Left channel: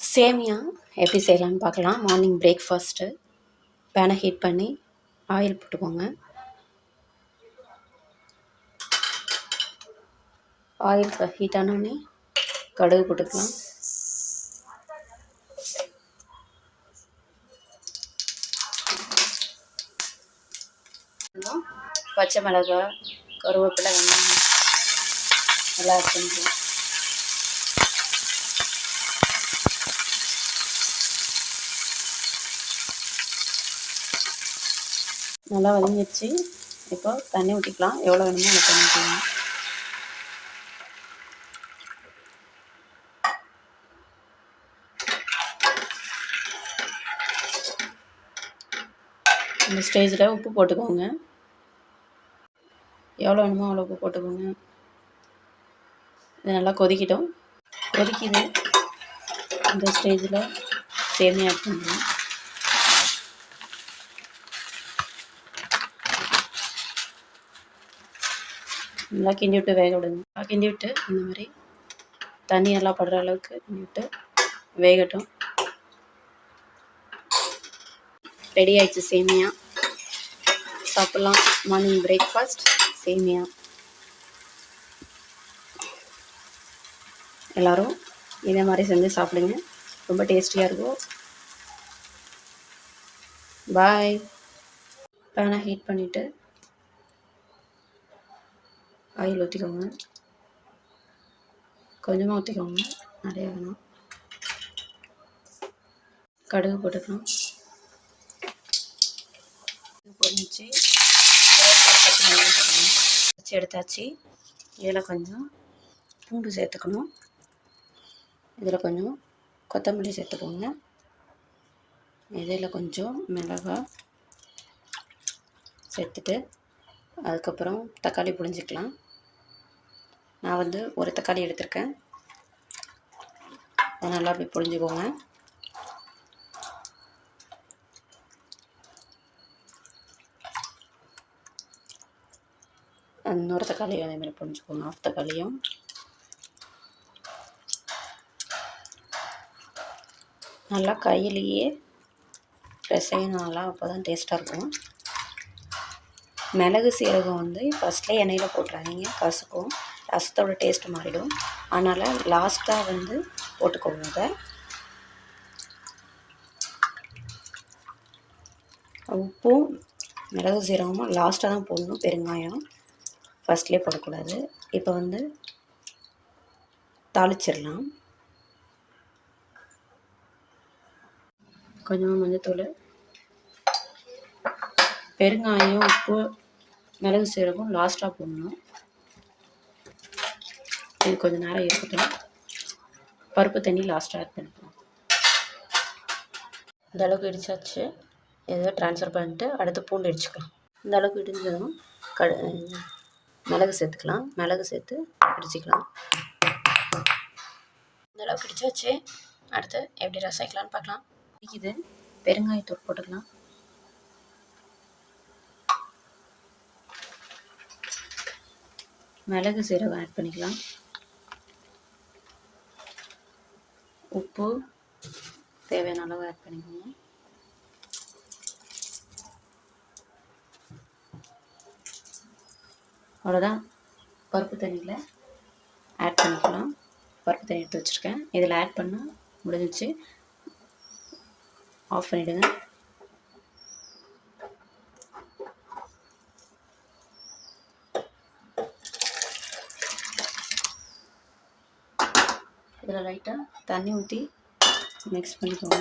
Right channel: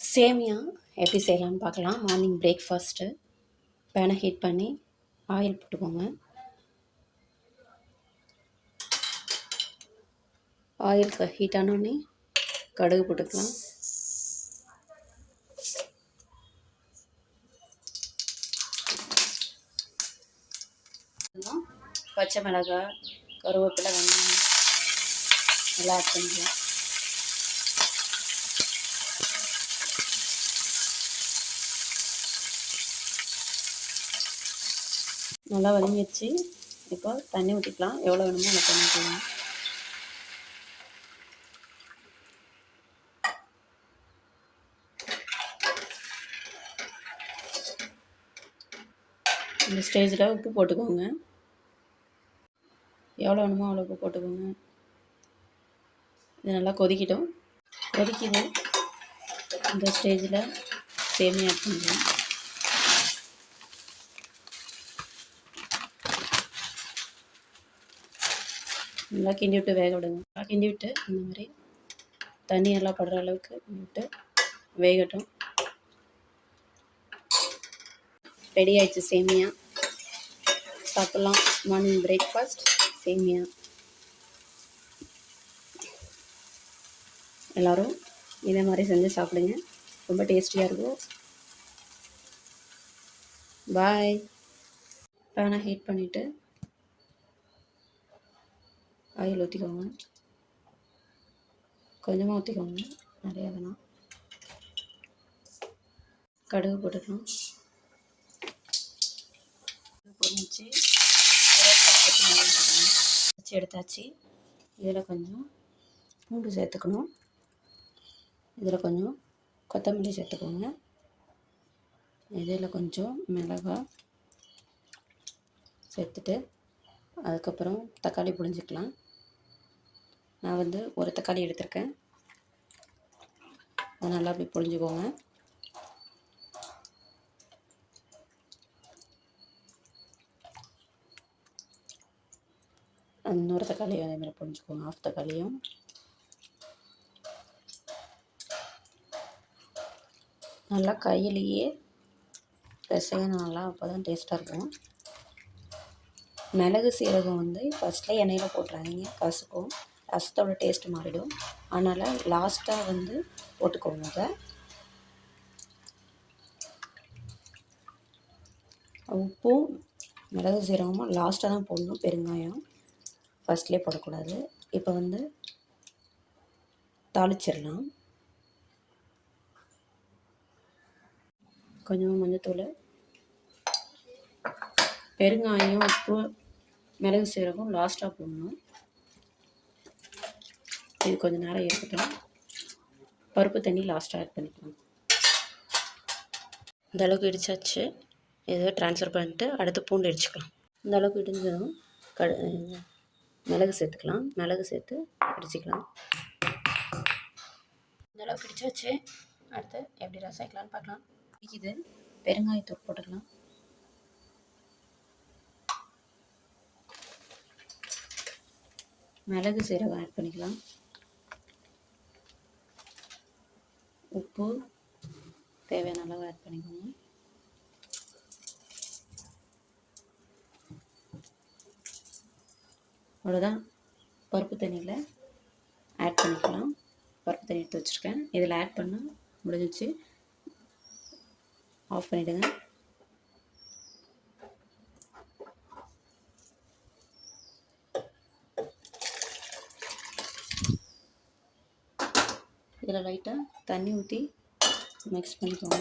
சேமியா எப்படி செய்யலாம்னு பார்க்கலாம். Morning breakfast. பேனை ஹீட் பண்ணி ஆயில் போட்டுக்கோங்க. ஆயில் ஹீட் ஆனோடனே கடுகு போட்டுக்கலாம். பச்சை மிளகாய், கருவேப்பிலை, வெங்காயம் எல்லாம் ஆட் பண்ணிக்கலாம். நல்லா வதங்கிடுச்சு. இப்போ தண்ணி ஊற்றிக்கலாம். எவ்வளோ வேணுமோ அது தண்ணி ஊற்றிக்கலாம். இந்த ஸ்டேஜில் உப்பு போட்டுக்கோங்க. எவ்வளோ வேணுமோ அவ்வளோ உப்பு போட்டுக்கோங்க. இது நல்லா கொதிக்கிட்டோம். கொதிக்குது. இந்த ஸ்டேஜில் சேமியா ஆட் பண்ணுங்க. நல்லா கிண்டி விட்டு வேக விடுங்க. நல்லா கிண்டி விட்டு இந்த மாதிரி தண்ணி எல்லாம் படுற அளவுக்கு கிண்டி விட்டு வேகட்டும். ரெடி ஆயிடுச்சு சேமியா. சாப்பிட்லாம். மார்னிங் பிரேக்ஃபாஸ்ட் சேமியா. எல்லோரும் இதே மாதிரி செஞ்சு சாப்பிடுங்க. ரொம்ப டேஸ்டியாக இருக்கும். பாய். பேனை ஹீட் பண்ணிவிட்டு ஆயில் ஊற்றிக்கோங்க. கொஞ்சமாக ஊற்றிக்கோங்க, நிறைய வேணும். கடுகு போட்டுக்கலாம். பொரிச்சு எடுத்தாச்சு. இதில் கொஞ்சம் பூண்டு சேர்த்துக்கணும். இதில் கொஞ்சம் கொத்தமல்லி சேர்த்துக்கோங்க. இதில் கொஞ்சம் மிளகாய் சேர்த்துட்டு அதுக்கப்புறம் தக்காளி புழிஞ்சிக்கலாம். நான் வந்து ஒரு தக்காளி எடுத்திருக்கேன். அதை நல்லா அப்படி புழிஞ்சுக்கோங்க. இன்னொரு தக்காளியும் அதேமாதிரி புழிஞ்சுக்கோங்க. ஆஃப் தக்காளியும் நல்லா கையிலேயே பிசையணும். நல்லா அப்போ தான் டேஸ்ட்டாக இருக்கும். மிளகு சீரகம் வந்து ஃபஸ்ட்லேயே எண்ணெயில் போட்டுறாதீங்க, கசக்கும். ரசத்தோட டேஸ்ட்டு மாறிடும். அதனால் லாஸ்ட்டாக வந்து போட்டுக்கோங்க. உப்பும் மிளகு சீரகமும் லாஸ்ட்டாக தான் போடணும். பெருங்காயம் ஃபஸ்ட்லேயே போடக்கூடாது. இப்போ வந்து தாளிச்சிடலாம். கொஞ்சமாக மஞ்சத்தூள், பெருங்காயம், உப்பு, மிளகு சீரகம் லாஸ்ட்டாக போடணும். இது கொஞ்சம் நேரம் இருக்கட்டும். பருப்பு தண்ணி லாஸ்ட்டாக ஆட் பண்ணிக்கலாம். இந்த அளவுக்கு இடிச்சாச்சு. இதை ட்ரான்ஸ்ஃபர் பண்ணிட்டு அடுத்து பூண்டு இடிச்சுக்கலாம். இந்த அளவுக்கு இடிஞ்சதும் மிளகு சேர்த்துக்கலாம். மிளகு சேர்த்து இடிச்சிக்கலாம். இந்த அளவுக்கு இடிச்சாச்சு. அடுத்து எப்படி ரசம் வைக்கலான்னு பார்க்கலாம். இது பெருங்காயத்தூள் போட்டுக்கலாம். மிளகு சீரகம் ஆட் பண்ணிக்கலாம். உப்பு தேவையான அளவு ஆட் பண்ணிக்கோங்க. அவ்வளோதான். பருப்பு தண்ணியில் ஆட் பண்ணிக்கலாம். பருப்பு தண்ணி எடுத்து வச்சுருக்கேன். இதில் ஆட் பண்ணால் முடிஞ்சிச்சு. ஆஃப் பண்ணிவிடுங்க. இதில் லைட்டாக தண்ணி ஊற்றி மிக்ஸ் பண்ணிக்கோங்க.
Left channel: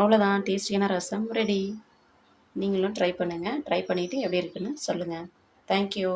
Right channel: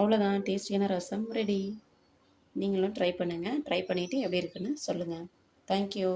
அவ்வளோதான். டேஸ்டியான ரசம் ரெடி. நீங்களும் ட்ரை பண்ணுங்கள். ட்ரை பண்ணிவிட்டு எப்படி இருக்குன்னு சொல்லுங்கள். தேங்க்யூ.